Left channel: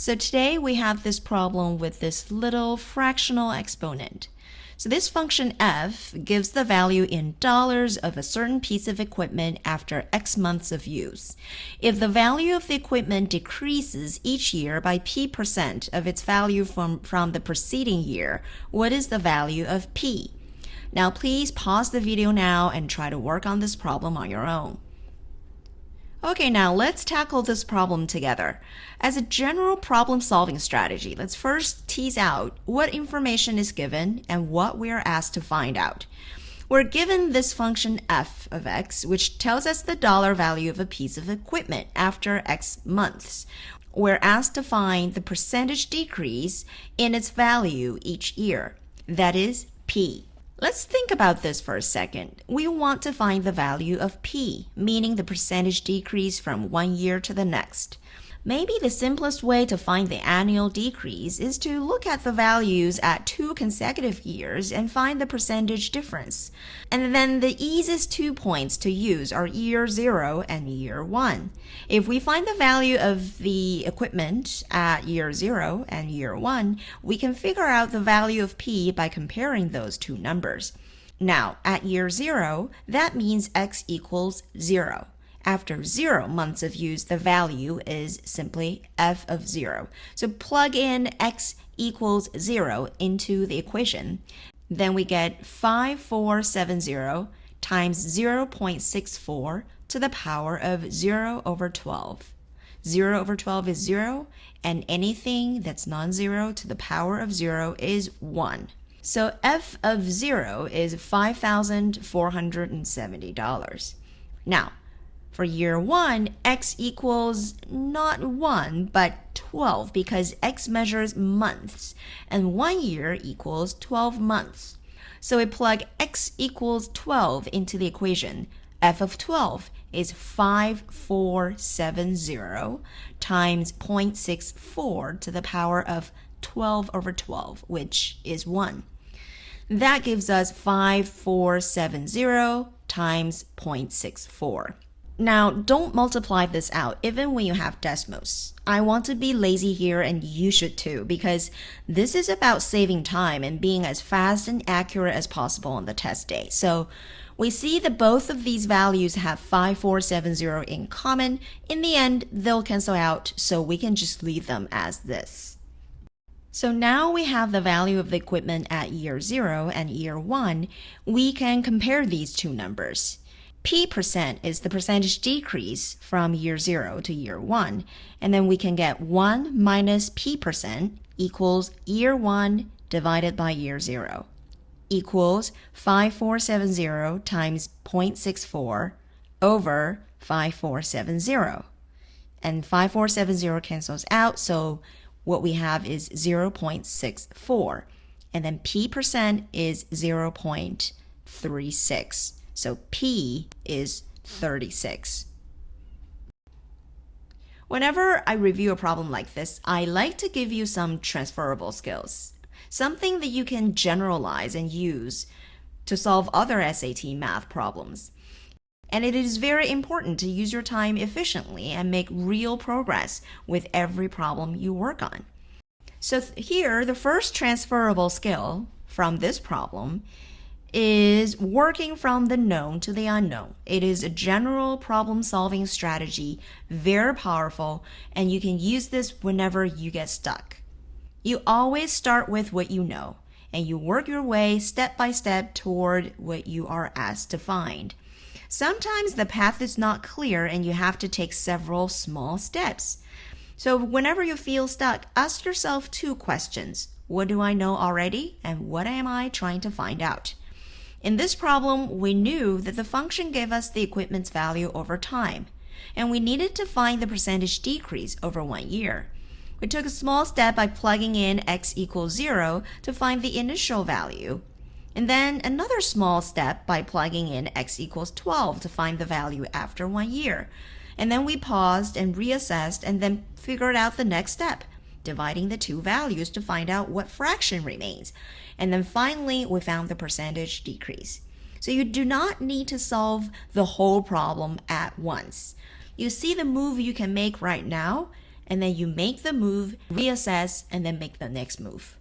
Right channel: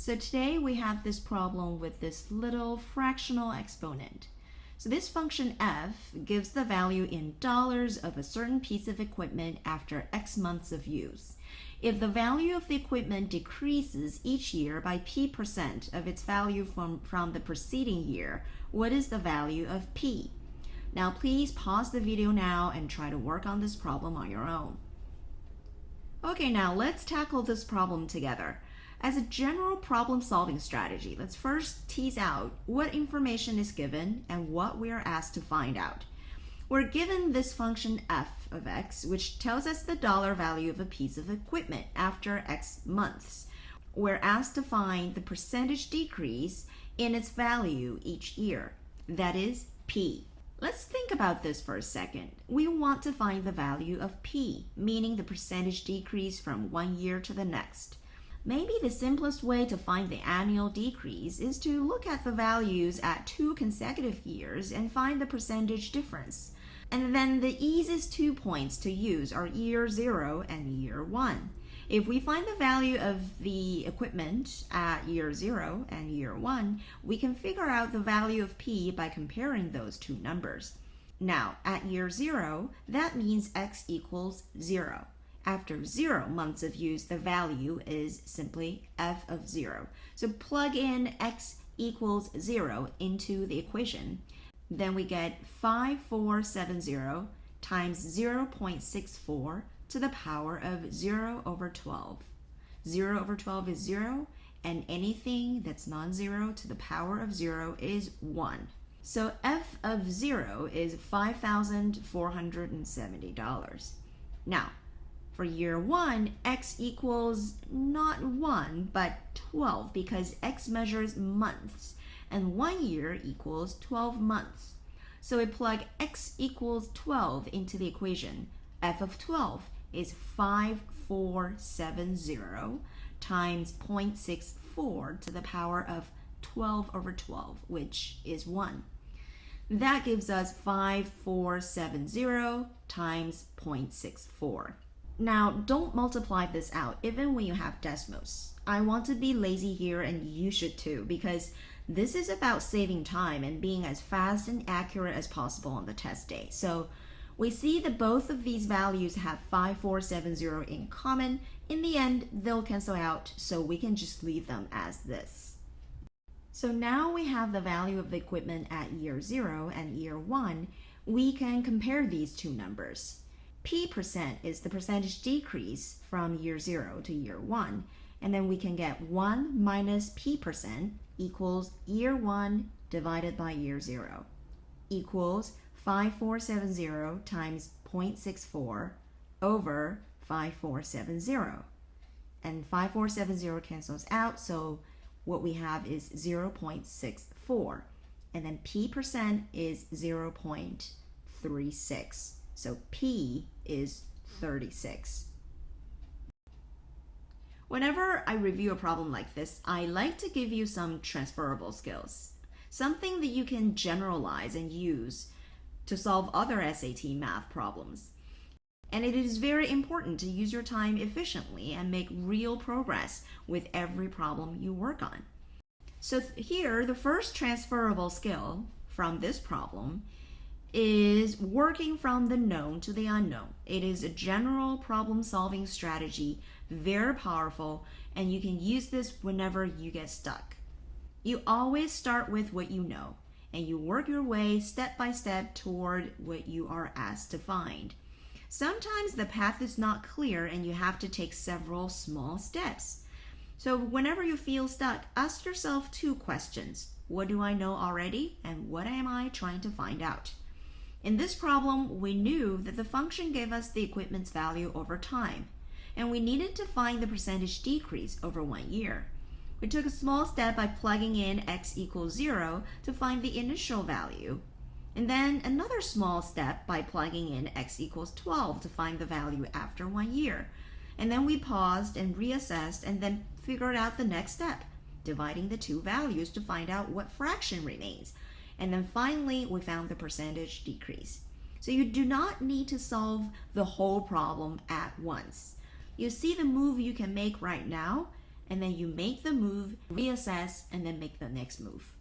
So today we have this problem with this little fractional exponent. So this function f gives the value in dollars of a certain piece of equipment after X months of use. If the value of the equipment decreases each year by p% of its value from the preceding year, what is the value of p? Now please pause the video now and try to work on this problem on your own. Okay, now let's tackle this problem together. As a general problem-solving strategy, let's first tease out what information is given and what we are asked to find out. We're given this function f of x, which tells us the dollar value of a piece of equipment after X months. We're asked to find the percentage decrease in its value each year, that is, p. Let's think about this for a second. We want to find the value of p, meaning the percentage decrease from one year to the next. Maybe the simplest way to find the annual decrease is to look at the values at 2 consecutive years and find the percentage difference. And then the easiest 2 points to use are year 0 and year 1. If we find the value of the equipment at year 0 and year 1, we can figure out the value of p by comparing those two numbers. Now, at year 0, that means x equals 0. After 0 months of use, the value is simply f of 0. So plug in x equals 0 into the equation. Then we get 5470 times 0.64 to the power of 0 over 12. 0 over 12 is 0, and anything that's non-zero to the power of 0 is 1. So f of 0 is $5,470. Now, for year 1, x equals not 1, but 12 because x measures months, and 1 year equals 12 months. So we plug x equals 12 into the equation. F of 12 is 5470 times 0.64 to the power of 12 over 12, which is 1. That gives us 5470 times 0.64. Now, don't multiply this out even when you have decimals. I want to be lazy here, and you should too, because this is about saving time and being as fast and accurate as possible on the test day. So we see that both of these values have 5470 in common. In the end, they'll cancel out, so we can just leave them as this. So now we have the value of the equipment at year 0 and year 1. We can compare these two numbers. P% is the percentage decrease from year 0 to year 1, and then we can get 1 minus P% equals year 1 divided by year 0 equals 5470 times 0.64 over 5470. And 5470 cancels out, so what we have is 0.64, and then P% is 0.36. So P is 36. Whenever I review a problem like this, I like to give you some transferable skills, something that you can generalize and use to solve other SAT math problems. And it is very important to use your time efficiently and make real progress with every problem you work on. So here, the first transferable skill from this problem is working from the known to the unknown. It is a general problem-solving strategy, very powerful, and you can use this whenever you get stuck. You always start with what you know, and you work your way step by step toward what you are asked to find. Sometimes the path is not clear and you have to take several small steps. So whenever you feel stuck, ask yourself 2 questions. What do I know already, and what am I trying to find out? In this problem, we knew that the function gave us the equipment's value over time, and we needed to find the percentage decrease over 1 year. We took a small step by plugging in x equals 0 to find the initial value, and then another small step by plugging in x equals 12 to find the value after 1 year. And then we paused and reassessed and then figured out the next step, dividing the two values to find out what fraction remains. And then finally, we found the percentage decrease. So you do not need to solve the whole problem at once. You see the move you can make right now, and then you make the move, reassess, and then make the next move.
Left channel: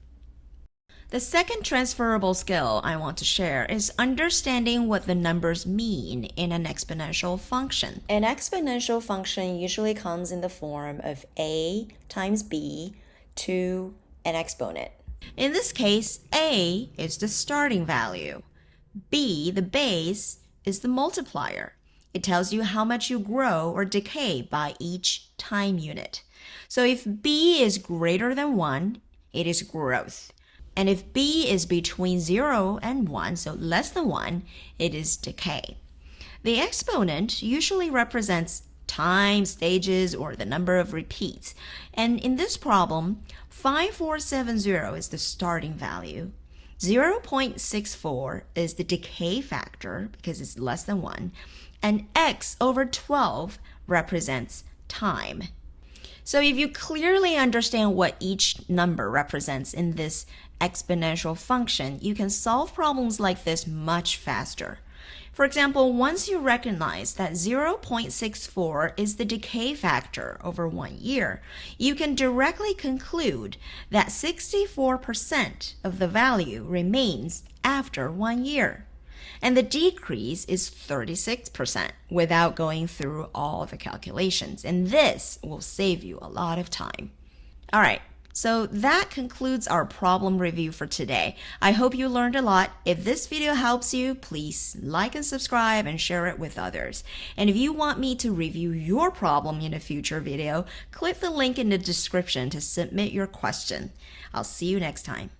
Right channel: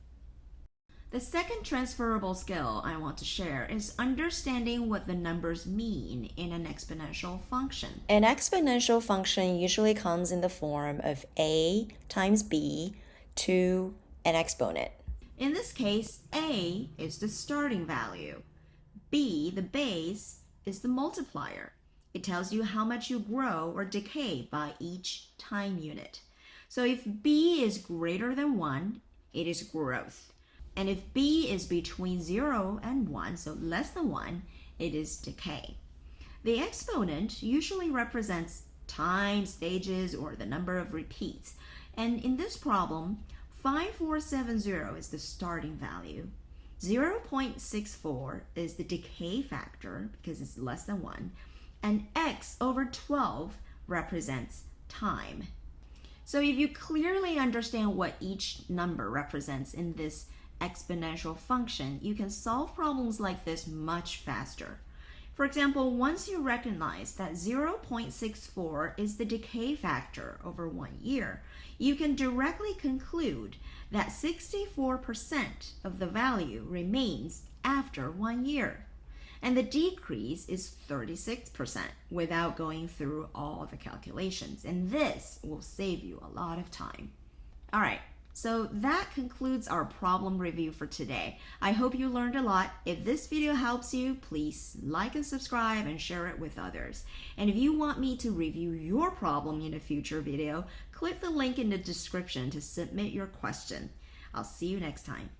The second transferable skill I want to share is understanding what the numbers mean in an exponential function. An exponential function usually comes in the form of a times b to an exponent. In this case, a is the starting value. B, the base, is the multiplier. It tells you how much you grow or decay by each time unit. So if b is greater than 1, it is growth. And if b is between 0 and 1, so less than 1, it is decay. The exponent usually represents time, stages, or the number of repeats. And in this problem, 5470 is the starting value. 0.64 is the decay factor because it's less than 1. And x over 12 represents time. So if you clearly understand what each number represents in this exponential function, you can solve problems like this much faster. For example, once you recognize that 0.64 is the decay factor over 1 year, you can directly conclude that 64% of the value remains after 1 year. And the decrease is 36% without going through all the calculations. And this will save you a lot of time. All right. So that concludes our problem review for today. I hope you learned a lot. If this video helps you, please like and subscribe and share it with others. And if you want me to review your problem in a future video, click the link in the description to submit your question. I'll see you next time.